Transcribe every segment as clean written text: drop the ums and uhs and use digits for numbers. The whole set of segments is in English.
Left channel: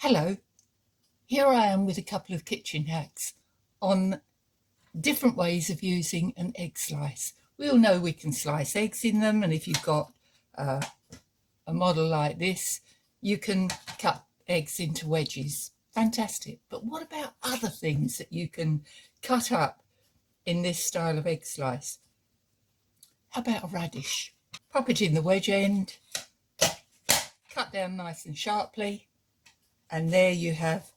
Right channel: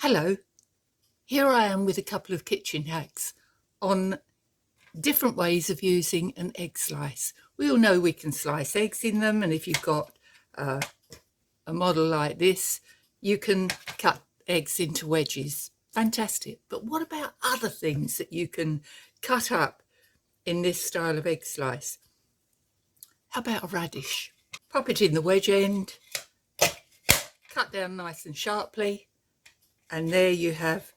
Hello, here I am with a couple of kitchen hacks on different ways of using an egg slice. We all know we can slice eggs in them, and if you've got a model like this, you can cut eggs into wedges. Fantastic. But what about other things that you can cut up in this style of egg slice? How about a radish? Pop it in the wedge end, cut down nice and sharply, and there you have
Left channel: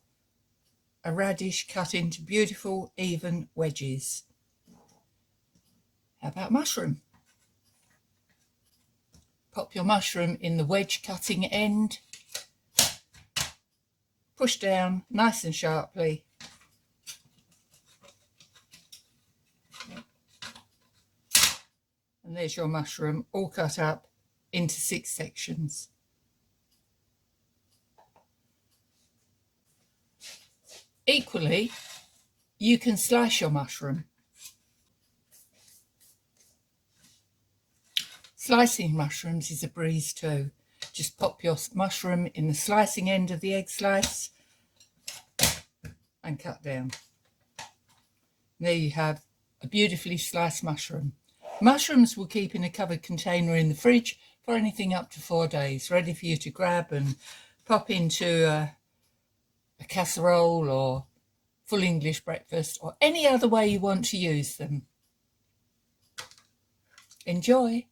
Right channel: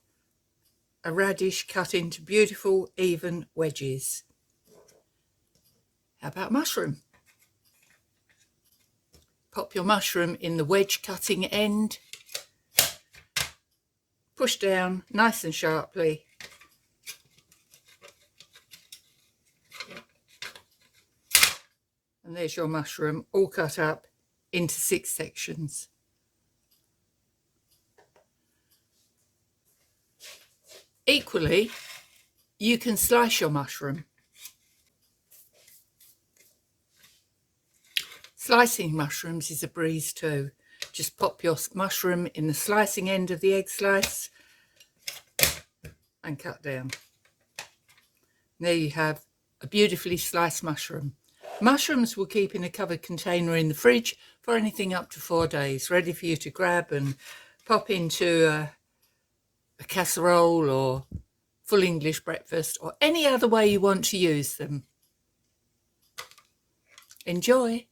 a radish cut into beautiful even wedges. How about mushroom? Pop your mushroom in the wedge cutting end, push down nice and sharply, and there's your mushroom all cut up into 6 sections. Equally, you can slice your mushroom. Slicing mushrooms is a breeze too. Just pop your mushroom in the slicing end of the egg slice and cut down. There you have a beautifully sliced mushroom. Mushrooms will keep in a covered container in the fridge for anything up to 4 days, ready for you to grab and pop into a casserole or full English breakfast or any other way you want to use them. Enjoy!